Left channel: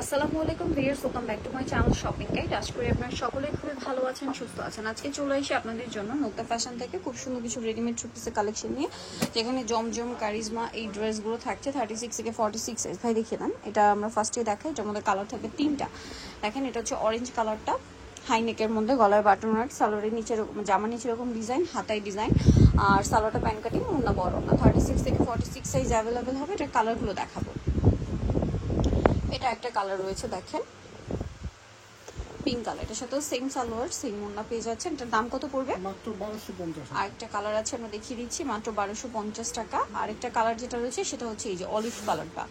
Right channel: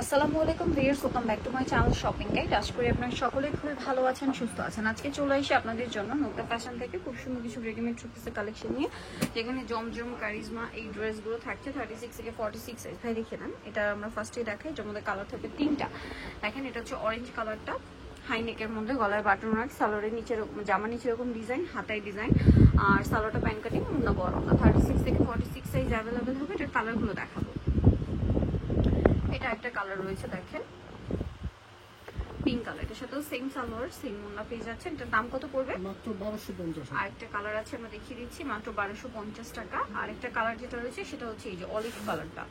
আসসালামু আলাইকুম viewers, welcome back to my channel shopping guide. আশা করি আপনারা সকলে খুবই ভালো আছেন, সুস্থ আছেন। আজকে চলে এসে আপনাদের জন্য নতুন ফ্যাশন থেকে খুব সুন্দর কিছু রেডিমেড থ্রি পিসের কালেকশন নিয়ে, যেখানে জমজম কারিজমা এই ড্রেসগুলো থাকছে 36 থেকে 46 সাইজ। ভাই দেখিয়ে দেন, এটা আমরা ফার্স্টে দেখাই। যেমন কালার থাকে তিনটা। দেখেন, এটা হচ্ছে অরেঞ্জ কালারটা, হাই নেকের মধ্যে, গলায় বাটন ওয়ার্ক, সালোয়ারের নিচে জামা নিচে এরকম ডিজাইন, হাতায় ডিজাইন, আর সালোয়ারটা প্যান্ট কাটিং, অন্য বড় না। 36 থেকে 46 সাইজ অ্যাভেলেবেল হবে। এটার কালারগুলো দেখাবো। এটা একটা কালার রয়েছে, দেখেন পিঙ্ক কালার, এটার সাথে সেম সালোয়ার সেম ওড়না পেয়ে যাচ্ছে। এটার দাম কত পড়বে? মাত্র 1250 টাকা। আর একটা কালার আছে, আমরা দেখিয়ে দিচ্ছি, মাত্র 1250 টাকা। আর একটা কালার যেটা রয়েছে সেটা হচ্ছে এই যে অলিভ কালারটা,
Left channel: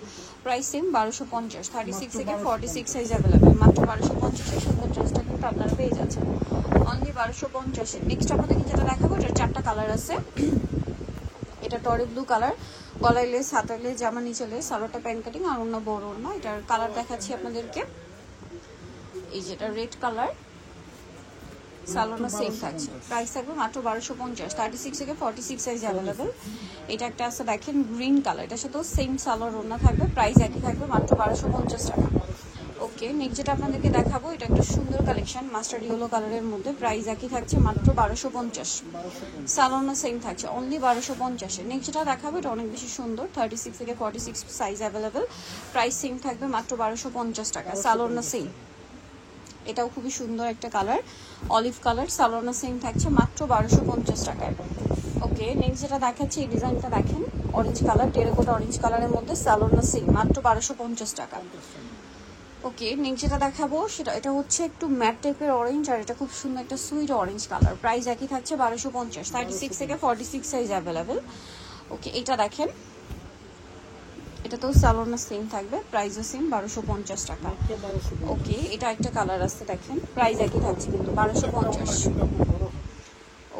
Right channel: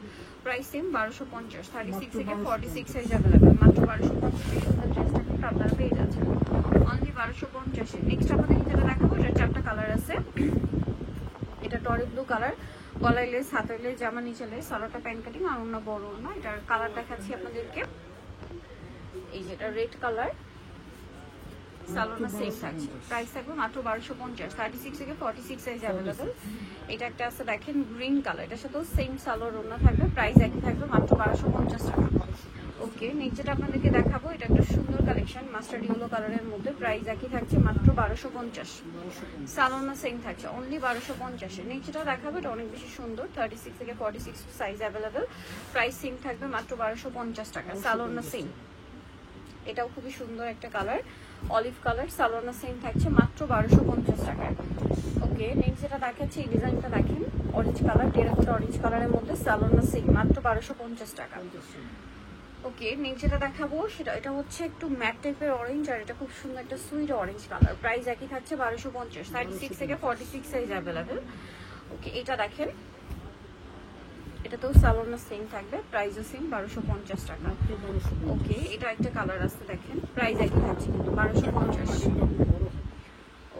প্রাইস সেম 1250। 36 থেকে 46 সাইজ अवेलेबल, মাত্র 1250 এর সুন্দর ড্রেসটা কিন্তু আপনারা পেয়ে যাচ্ছেন অনলি 1250 এ। নেক্সট আপনাদের যেটা দেখাবো, এটার চারটা কালার আছে। এটা টলি ব্লু কালার, গলায় লেস, হাতায় লেস, জামা নিচে লেস, সালোয়ারটা প্যান্ট কাটিং, আর অন্য বড় না। এটার কালার দেখাচ্ছি আপনাদেরকে, এই যে এটা রেড কালার, সালোয়ারটা সেম থাকছে, প্রাইস থাকবে মাত্র 1250। 36 থেকে 46 সাইজ अवेलेबल। এটা একটা আছে, দেখেন গ্রিন কালার, এটার সাথেও সেম সালোয়ার ওড়না থাকবে, প্রাইস একই থাকবে মাত্র 1250 টাকা। ওকে, নেক্সট যেটা আপনাদেরকে দেখাবো, এটা একটা সুন্দর কালেকশন মাস্টার্ড ইয়েলো কালারের মধ্যে, প্রাইস একই থাকছে মাত্র 1250। সালোয়ারটা সেম থাকছে অনলি 1250 এ। নেক্সট যেটা দেখাবো, এটা অনেক বেশি সুন্দর, 36 থেকে 46 সাইজ अवेलेबल, প্রাইস সেম থাকবে মাত্র 1250 টাকা। সালোয়ারটা সেম, এটাও খুবই সুন্দর একটা কালার, অলিভ কালার, সালোয়ারটা সেম থাকছে মাত্র 1250 টাকায়। ওকে, নেক্সট যেটা দেখাচ্ছি, এই ডিজাইনটা দেখেন, অরেঞ্জ কালার, টেরাকোটা অরেঞ্জ কালারের মধ্যে, সালোয়ারটা সেম মাত্র 1250 টাকা। ওকে, নেক্সট যেটা দেখাবো সেটা, এটা হচ্ছে একটু ম্যাট টাইপের অরেঞ্জ, আর এটা খুব সুন্দর একটা সুইট অরেঞ্জ কালার, প্রাইস একই থাকছে 1250। 36 থেকে 46 সাইজ अवेलेबल। ওকে, এটা দেখেন, এটা তো সালোয়ারটা সেম থাকবে, প্রাইসও সেম 1250 টাকা। ওকে, এটা একটা কালার আছে, দেখেন প্রাইস একই থাকছে কিন্তু 1250।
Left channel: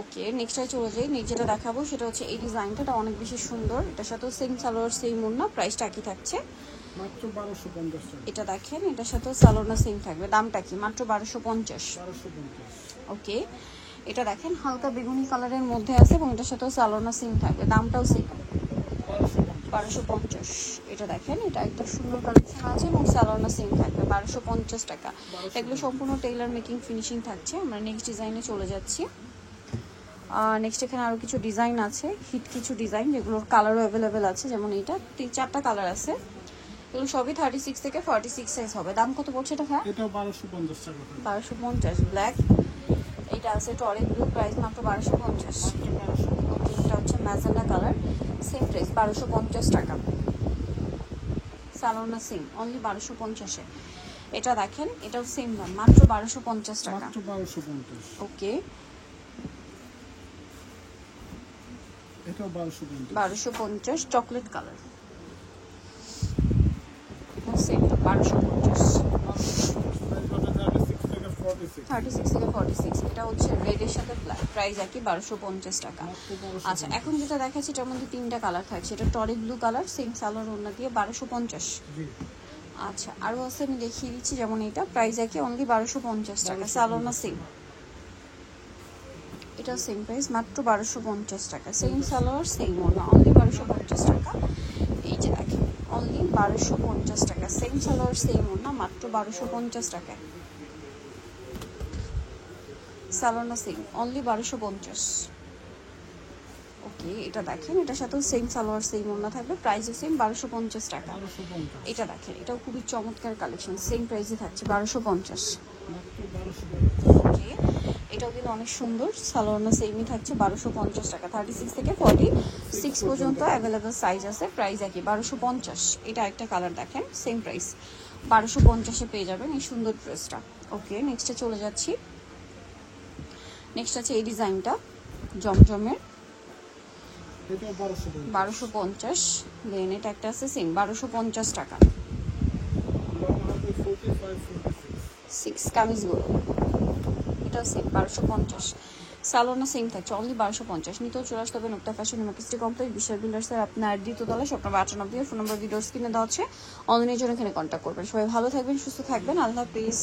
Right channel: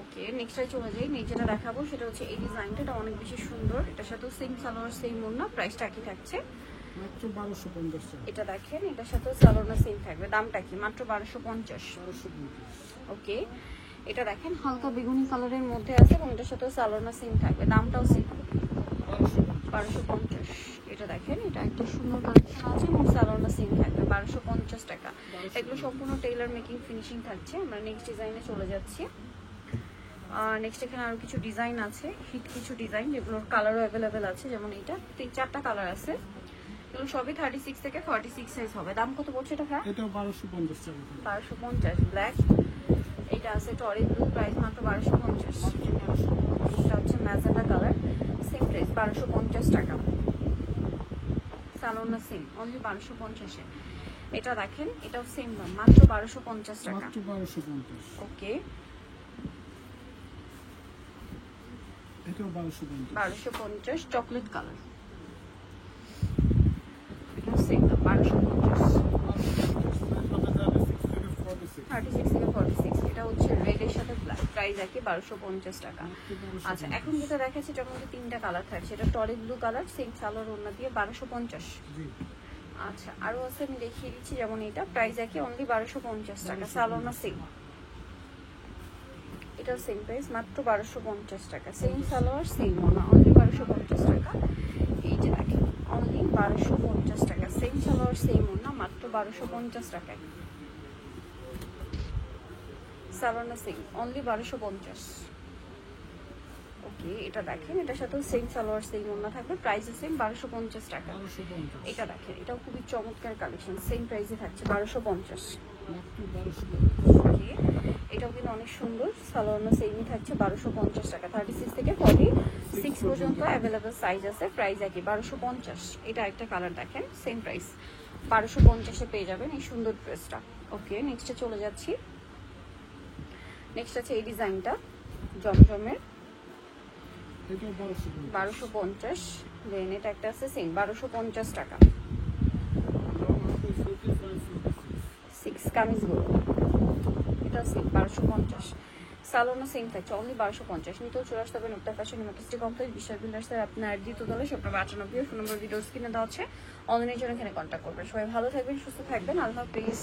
ওকে, নেক্সটে চলে যাই। নেক্সট যেটা দেখাবো সেটা হচ্ছে এই ডিজাইনটা, এটা অনেক বেশি সুন্দর, এটার সাথেও সেম সালোয়ার সেম ওড়না, প্রাইসটা একই থাকছে মাত্র 1250 টাকা। এটা দেখেন, এটার সাথেও সালোয়ারটা সেম থাকবে, দামটা কি? মাত্র 1250। ওকে, এটা দেখেন হালকা বেগুনি কালারের মধ্যে আছে, এবং এটার সাথেও সালোয়ারটা সেম থাকবে, দামটাও সেম 1250। এটা দেখেন, এটা একটা সুন্দর কালেকশন আছে, এবং সালোয়ারটা সেম থাকবে 1250 টাকা। এগুলো সম্পূর্ণ টেইলার মেকিং ফিনিশিং থাকছে। আমরা নেক্সট ডিজাইনে চলে যাচ্ছি। নেক্সট এখানে আরো কিছু ডিজাইন আছে, হিট কিছু ডিজাইন, যেগুলোর কালারও অ্যাভেলেবেল আছে। যেমন এইটা 3-4টা কালার আছে, এগুলো সবই 36 থেকে 46 সাইজ হবে। দাম কত পড়ছে এটা? হ্যাঁ, এটা 1250 টাকা। 1250। ব্ল্যাক, এটা আছে টরেন্ট ব্লু, প্রাইস মাত্র 1250। ওকে, এটা হচ্ছে ম্যাজেন্টা কালার, সেম প্রাইস 1250 টাকা। সালোয়ারটা সেম অনলি 1250 এ। এটা দেখেন, এটাও সেম দাম, মাত্র 1250 টাকা। মাত্র 1250। ওকে, এটাও 1250। 1250 চকলেট কালার, সেম দাম 1250। 36 থেকে 46, এটা হচ্ছে রেডের সাথে ব্ল্যাক, প্রাইস একই 1250 টাকা। আচ্ছা, এখন যেটা দেখাচ্ছি এটার মধ্যে 3টা কালার থাকছে। এটা টলিক ব্লু কালার, সেম সালোয়ার ওড়না দিয়ে 1250। আচ্ছা, আরও আছে, আমি দেখিয়ে দিচ্ছি। যেমন এটা প্রাইস একই অনলি 1250 টাকা, সালোয়ারটা সেম, এটা সেম প্রাইস মাত্র 1250 টাকা। সেম সালোয়ার সেম ওড়না, অনলি 1250 টাকা। এই যে দেখেন, অনলি 1250 টাকা, সেম সালোয়ার সেম ওড়না, মাত্র 1250 টাকা। সালোয়ারটা সেম অনলি 1250। ওকে, এটা দেখেন, এটার সাথে সেম সালোয়ার সেম ওড়না থাকবে, প্রাইসও সেম 1250 টাকা। এটা দেখেন, এটাও খুবই চমৎকার কালেকশন, সেম প্রাইসে থাকছে 1250। ওকে, এটাও কিন্তু অনেক সুন্দর, সালোয়ারটা সেমই থাকছে 1250 টাকা। 36 থেকে 46 পর্যন্ত অ্যাভেলেবল সাইজ আছে, প্রাইস একই 1250। এটা একটা কালার দেখেন, সেম প্রাইস 1250 এ পেয়ে যাবেন এই সুন্দর ড্রেসটা। ওকে, নেক্সটে চলে যাচ্ছি। নেক্সট আছে এই ডিজাইনটা, জমজমের, এটাও 1250। দেন এটা একটা আছে সেম 1250 টাকা। 6 কামিজগুলো, এটাও সেম 1250। সালোয়ারটা সেম থাকছে অনলি 1250। নিতেও চলে আসতে হবে নোকটা ফ্যাশন মার্কেট কমপ্লেক্স, বিশাল বিল্ডার্সের আপনার দ্বিতীয় তলায়, শপ নাম্বার 98, ফোন নাম্বার ভিডিওর স্ক্রিনে দেওয়া হচ্ছে। অনলাইনের জন্য এখানে কন্ট্যাক্ট করবেন। সবাই ভালো থাকবেন, সুস্থ থাকবেন, আল্লাহ হাফেজ।